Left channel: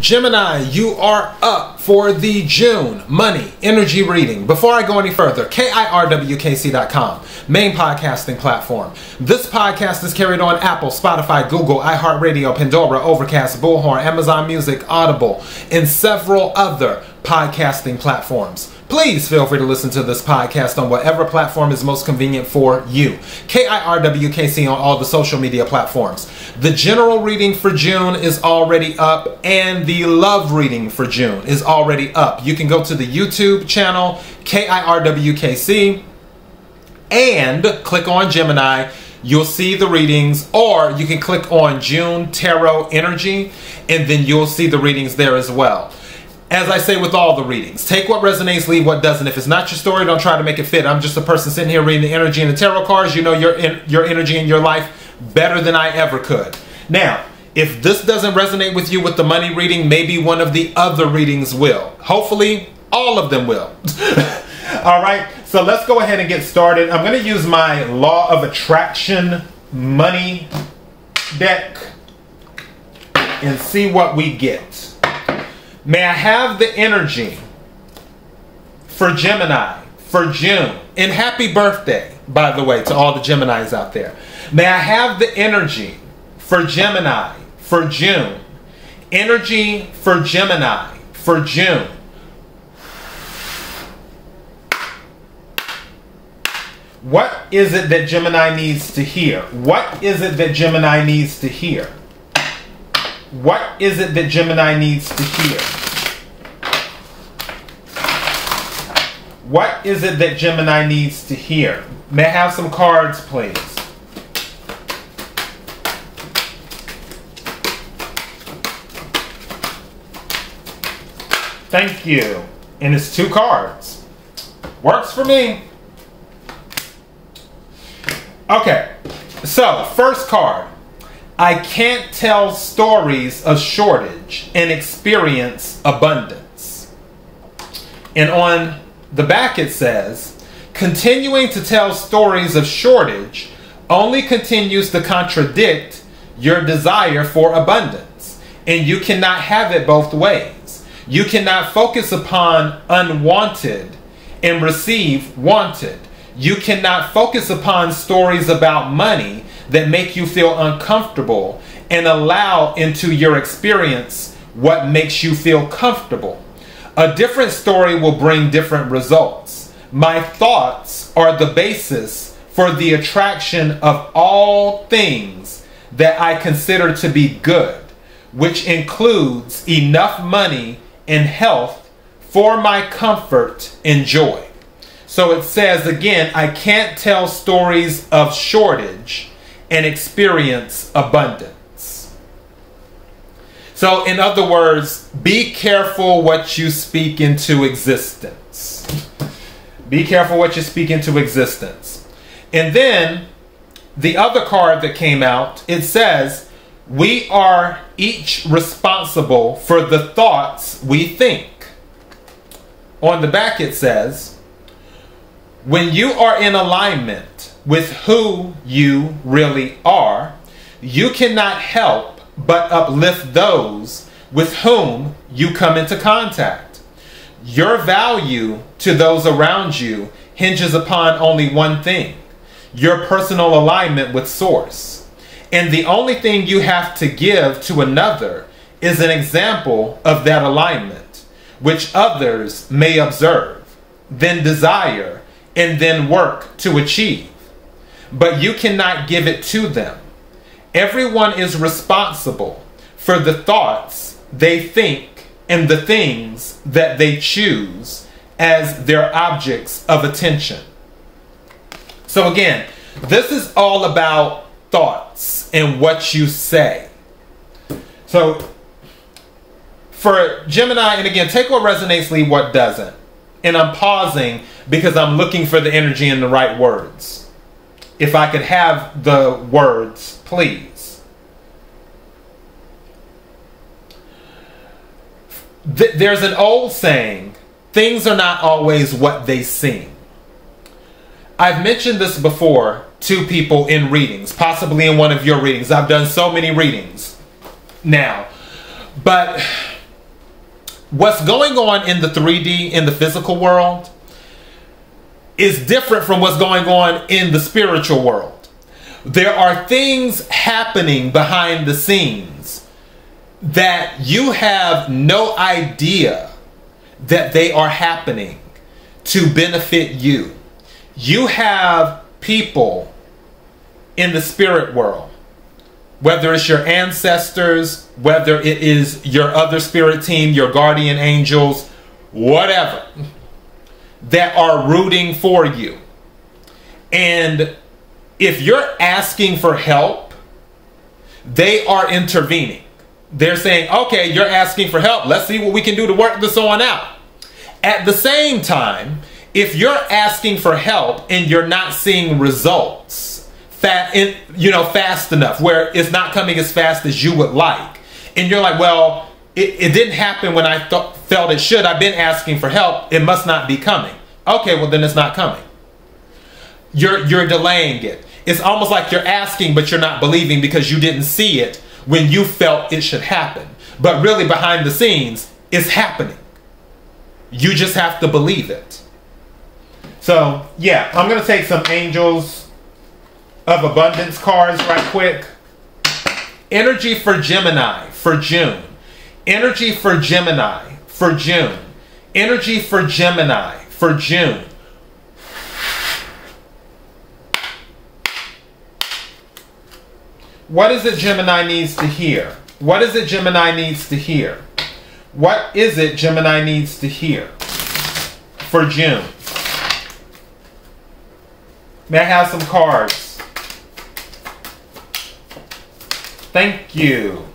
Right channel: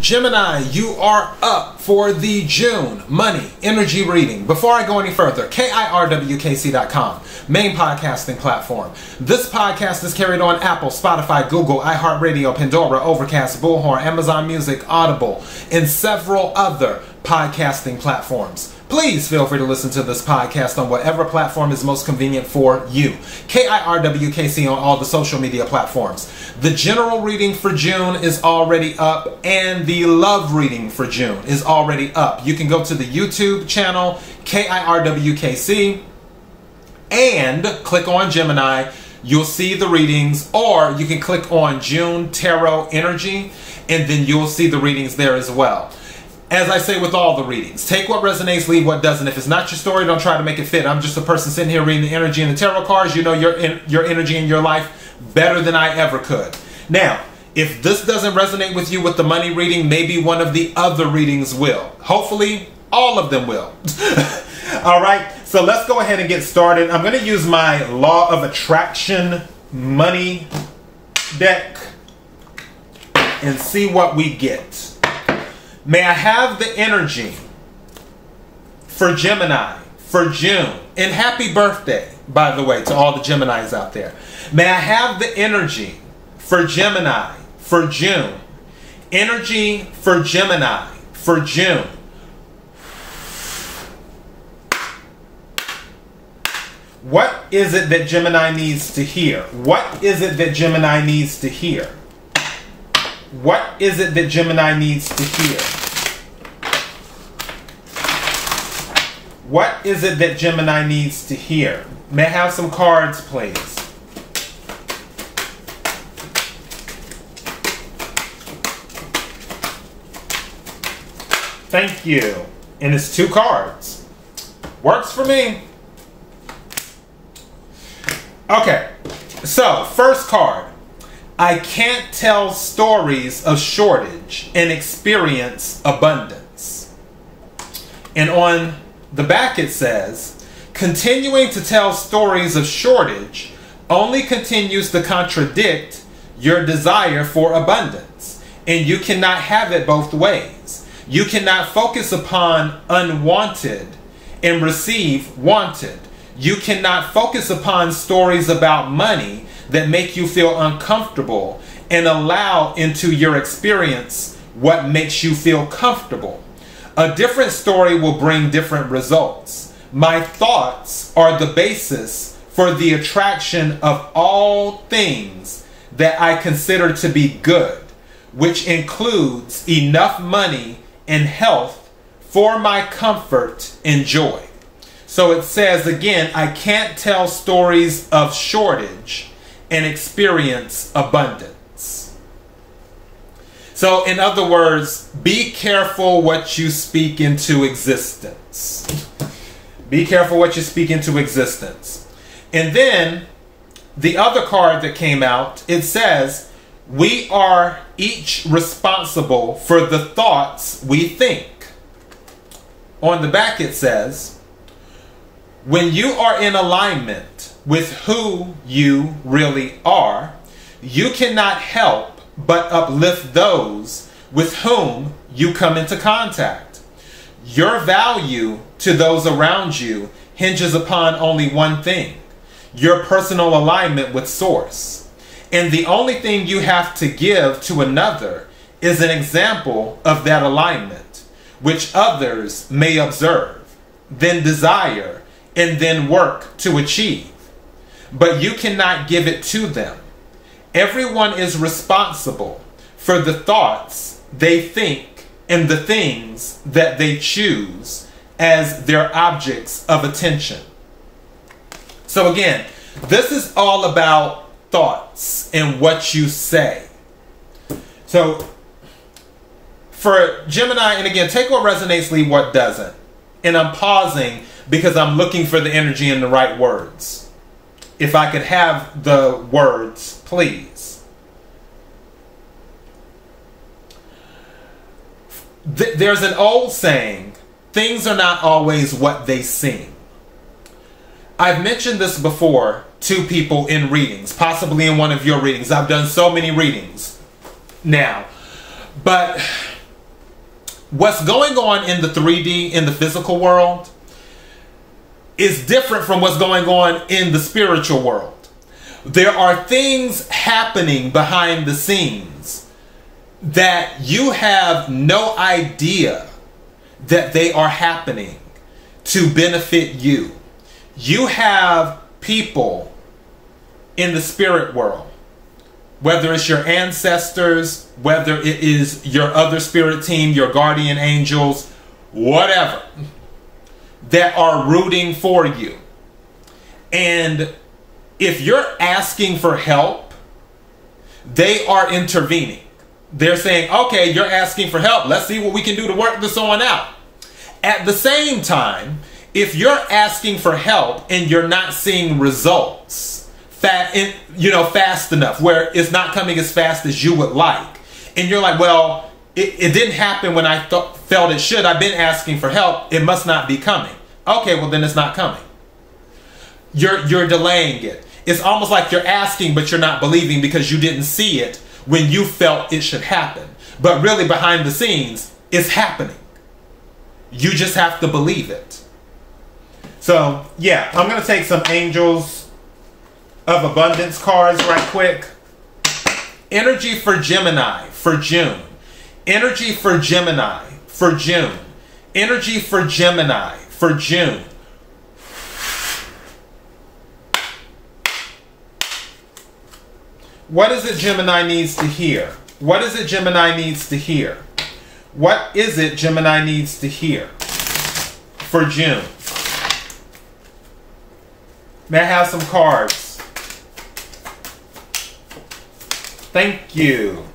Gemini, you are up for the June money energy reading. Before I go any further, KIRWKC.com, main podcasting platform. This podcast is carried on Apple, Spotify, Google, iHeartRadio, Pandora, Overcast, Bullhorn, Amazon Music, Audible, and several other podcasting platforms. Please feel free to listen to this podcast on whatever platform is most convenient for you. KIRWKC on all the social media platforms. The general reading for June is already up, and the love reading for June is already up. You can go to the YouTube channel, KIRWKC, and click on Gemini. You'll see the readings, or you can click on June Tarot Energy, and then you'll see the readings there as well. As I say with all the readings, take what resonates, leave what doesn't. If it's not your story, don't try to make it fit. I'm just a person sitting here reading the energy and the tarot cards. You know your energy in your life better than I ever could. Now, if this doesn't resonate with you with the money reading, maybe one of the other readings will. Hopefully, all of them will. All right, so let's go ahead and get started. I'm going to use my Law of Attraction money deck and see what we get. May I have the energy for Gemini for June? And happy birthday, by the way, to all the Geminis out there. May I have the energy for Gemini for June? Energy for Gemini for June. What is it that Gemini needs to hear? What is it that Gemini needs to hear? What is it that Gemini needs to hear? What is it that Gemini needs to hear? May I have some cards, please? Thank you. And it's 2 cards. Works for me. Okay, so first card. I can't tell stories of shortage and experience abundance. And on the back it says, continuing to tell stories of shortage only continues to contradict your desire for abundance. And you cannot have it both ways. You cannot focus upon unwanted and receive wanted. You cannot focus upon stories about money that make you feel uncomfortable and allow into your experience what makes you feel comfortable. A different story will bring different results. My thoughts are the basis for the attraction of all things that I consider to be good, which includes enough money and health for my comfort and joy. So it says again, I can't tell stories of shortage and experience abundance. So in other words, be careful what you speak into existence. Be careful what you speak into existence. And then the other card that came out, it says, we are each responsible for the thoughts we think. On the back it says, when you are in alignment with who you really are, you cannot help but uplift those with whom you come into contact. Your value to those around you hinges upon only one thing, your personal alignment with Source. And the only thing you have to give to another is an example of that alignment, which others may observe, then desire, and then work to achieve. But you cannot give it to them. Everyone is responsible for the thoughts they think and the things that they choose as their objects of attention. So again, this is all about thoughts and what you say. So for Gemini, and again, take what resonates, leave what doesn't. And I'm pausing because I'm looking for the energy and the right words. If I could have the words, please. There's an old saying, things are not always what they seem. I've mentioned this before to people in readings, possibly in one of your readings. I've done so many readings now. But what's going on in the 3D, in the physical world, is different from what's going on in the spiritual world. There are things happening behind the scenes that you have no idea that they are happening to benefit you. You have people in the spirit world, whether it's your ancestors, whether it is your other spirit team, your guardian angels, whatever, that are rooting for you. And if you're asking for help, they are intervening. They're saying, okay, you're asking for help. Let's see what we can do to work this on out. At the same time, if you're asking for help and you're not seeing results fast enough, where it's not coming as fast as you would like, and you're like, well, it didn't happen when I felt it should. I've been asking for help. It must not be coming. Okay, well then it's not coming. You're delaying it. It's almost like you're asking, but you're not believing because you didn't see it when you felt it should happen. But really behind the scenes, it's happening. You just have to believe it. So, yeah, I'm going to take some Angels of Abundance cards right quick. Energy for Gemini for June. Energy for Gemini for June. Energy for Gemini for June. What is it Gemini needs to hear? What is it Gemini needs to hear? What is it Gemini needs to hear for June? May I have some cards? Thank you.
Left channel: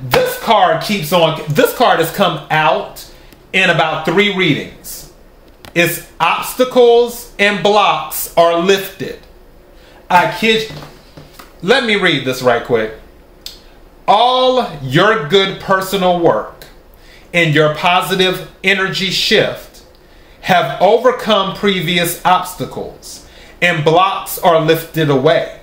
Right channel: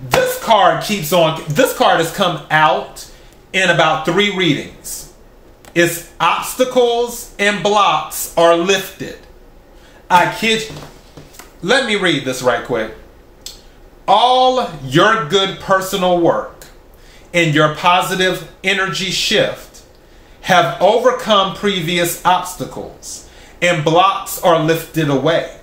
This card keeps on. This card has come out in about 3 readings. Its obstacles and blocks are lifted. I kid you. Let me read this right quick. All your good personal work and your positive energy shift have overcome previous obstacles, and blocks are lifted away.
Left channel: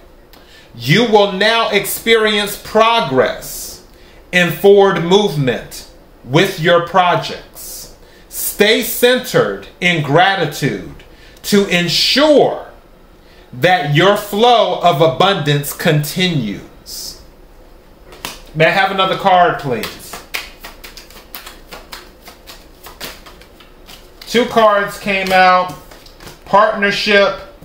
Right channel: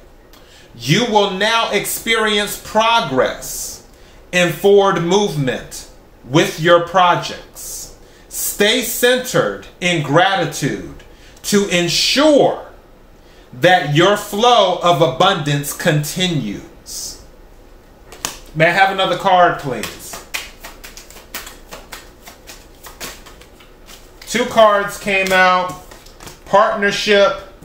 You will now experience progress and forward movement with your projects. Stay centered in gratitude to ensure that your flow of abundance continues. May I have another card, please? 2 cards came out. Partnership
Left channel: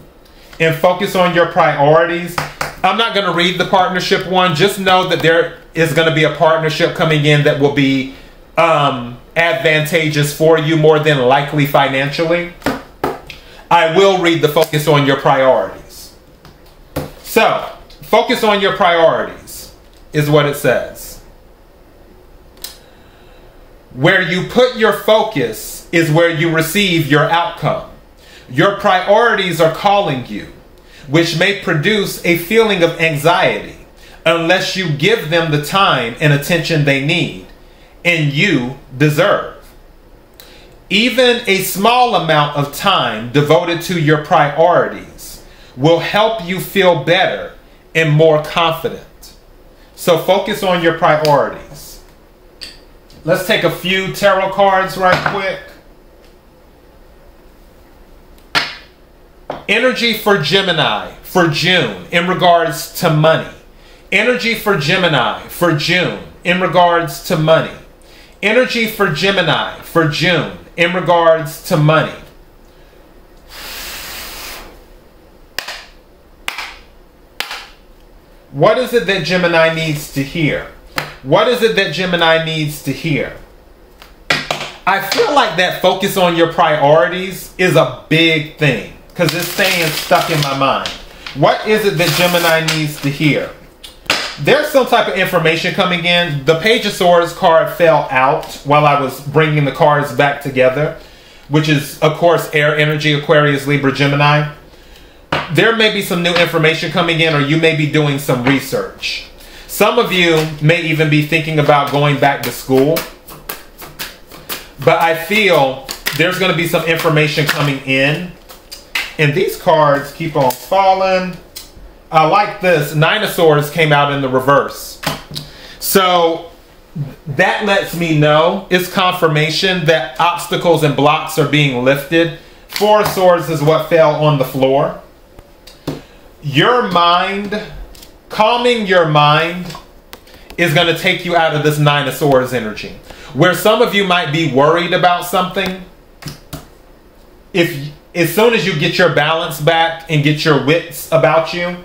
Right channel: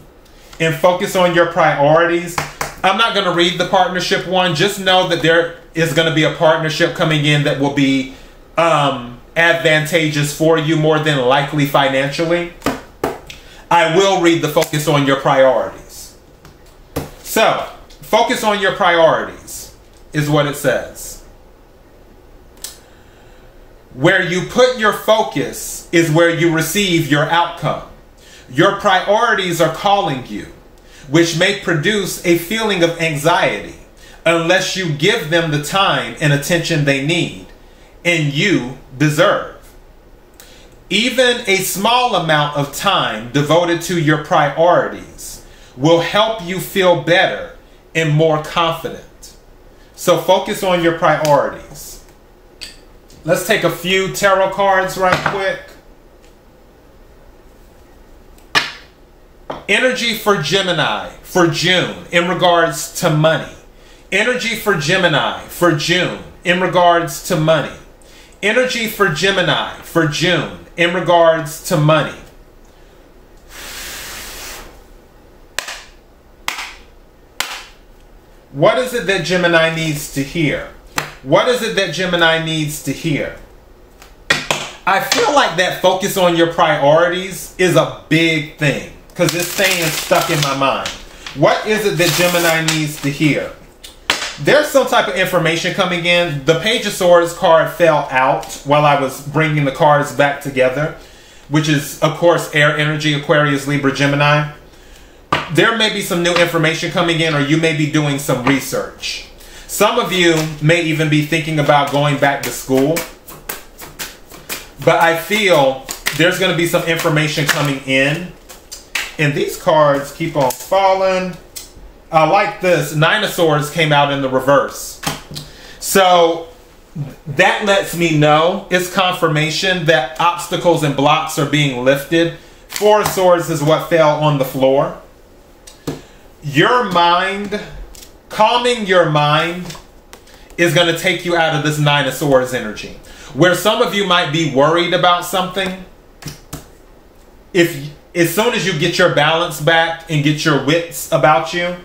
and focus on your priorities. I'm not going to read the partnership one. Just know that there is going to be a partnership coming in that will be advantageous for you, more than likely financially. I will read the focus on your priorities. So, focus on your priorities is what it says. Where you put your focus is where you receive your outcome. Your priorities are calling you, which may produce a feeling of anxiety unless you give them the time and attention they need and you deserve. Even a small amount of time devoted to your priorities will help you feel better and more confident. So focus on your priorities. Let's take a few tarot cards right quick. Energy for Gemini for June in regards to money. Energy for Gemini for June in regards to money. Energy for Gemini for June in regards to money. What is it that Gemini needs to hear? What is it that Gemini needs to hear? I feel like that focus on your priorities is a big thing because it's staying stuck in my mind. What is it that Gemini needs to hear? There's some type of information coming in. The Page of Swords card fell out while I was bringing the cards back together, which is, of course, air energy, Aquarius, Libra, Gemini. There may be some new information coming in, or you may be doing some research. Some of you may even be thinking about going back to school. But I feel there's going to be some information coming in. And these cards keep on falling. I like this. 9 of Swords came out in the reverse. So that lets me know, it's confirmation that obstacles and blocks are being lifted. Four of Swords is what fell on the floor. Your mind, calming your mind, is going to take you out of this Nine of Swords energy. Where some of you might be worried about something, as soon as you get your balance back and get your wits about you,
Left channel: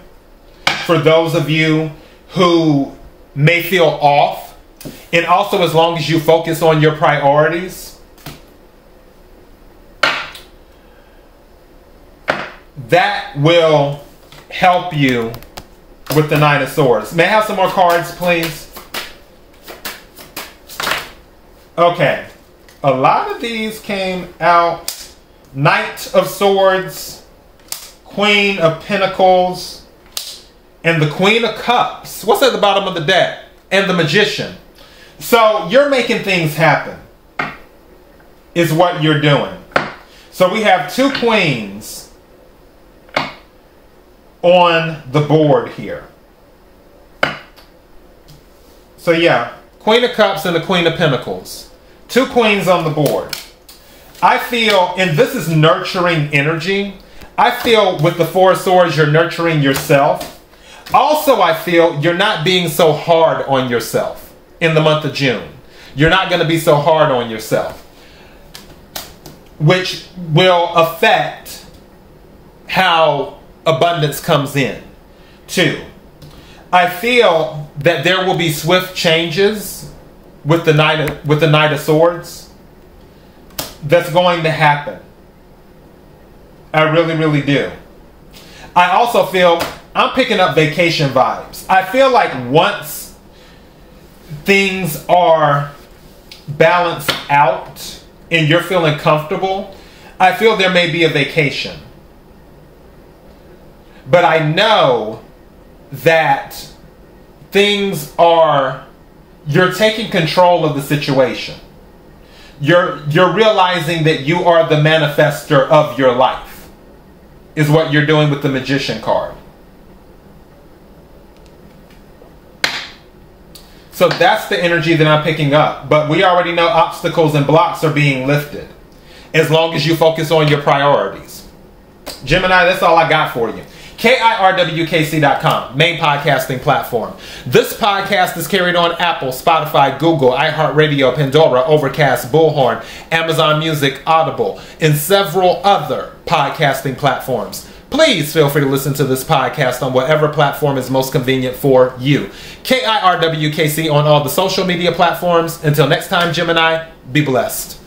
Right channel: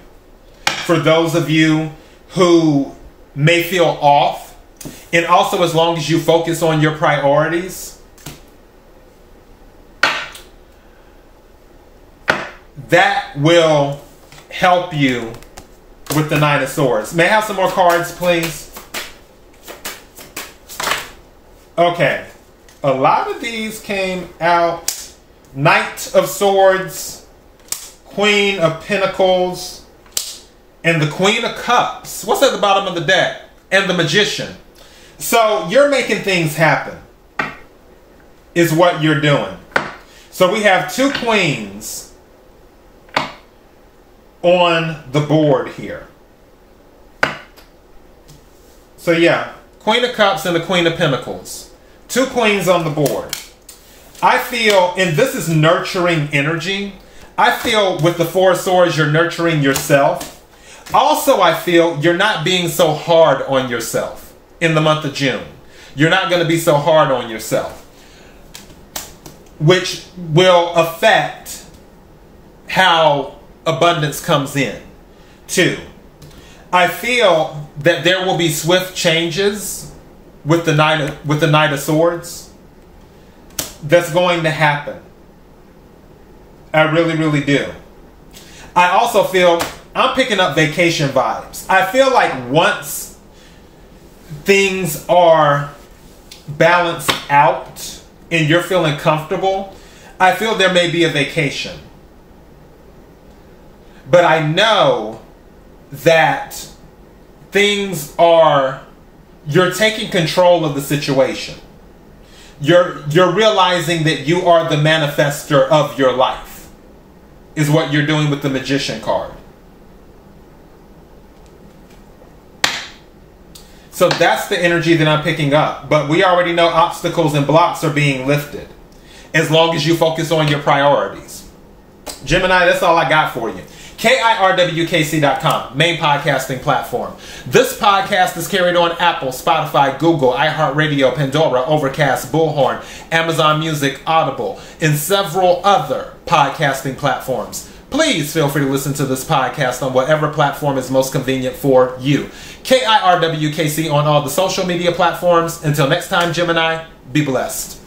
for those of you who may feel off, and also as long as you focus on your priorities, that will help you with the Nine of Swords. May I have some more cards, please? Okay. A lot of these came out. Knight of Swords, Queen of Pentacles, and the Queen of Cups. What's at the bottom of the deck? And the Magician. So you're making things happen, is what you're doing. So we have two queens on the board here. So yeah, Queen of Cups and the Queen of Pentacles. Two queens on the board. I feel, and this is nurturing energy, I feel with the Four of Swords you're nurturing yourself. Also, I feel you're not being so hard on yourself in the month of June. You're not going to be so hard on yourself, which will affect how abundance comes in. Two, I feel that there will be swift changes with the Knight of Swords. That's going to happen. I really, really do. I also feel I'm picking up vacation vibes. I feel like once things are balanced out and you're feeling comfortable, I feel there may be a vacation. But I know that things are, you're taking control of the situation. You're realizing that you are the manifester of your life, is what you're doing with the Magician card. So that's the energy that I'm picking up. But we already know obstacles and blocks are being lifted as long as you focus on your priorities. Gemini, that's all I got for you. KIRWKC.com, main podcasting platform. This podcast is carried on Apple, Spotify, Google, iHeartRadio, Pandora, Overcast, Bullhorn, Amazon Music, Audible, and several other podcasting platforms. Please feel free to listen to this podcast on whatever platform is most convenient for you. KIRWKC on all the social media platforms. Until next time, Gemini, be blessed.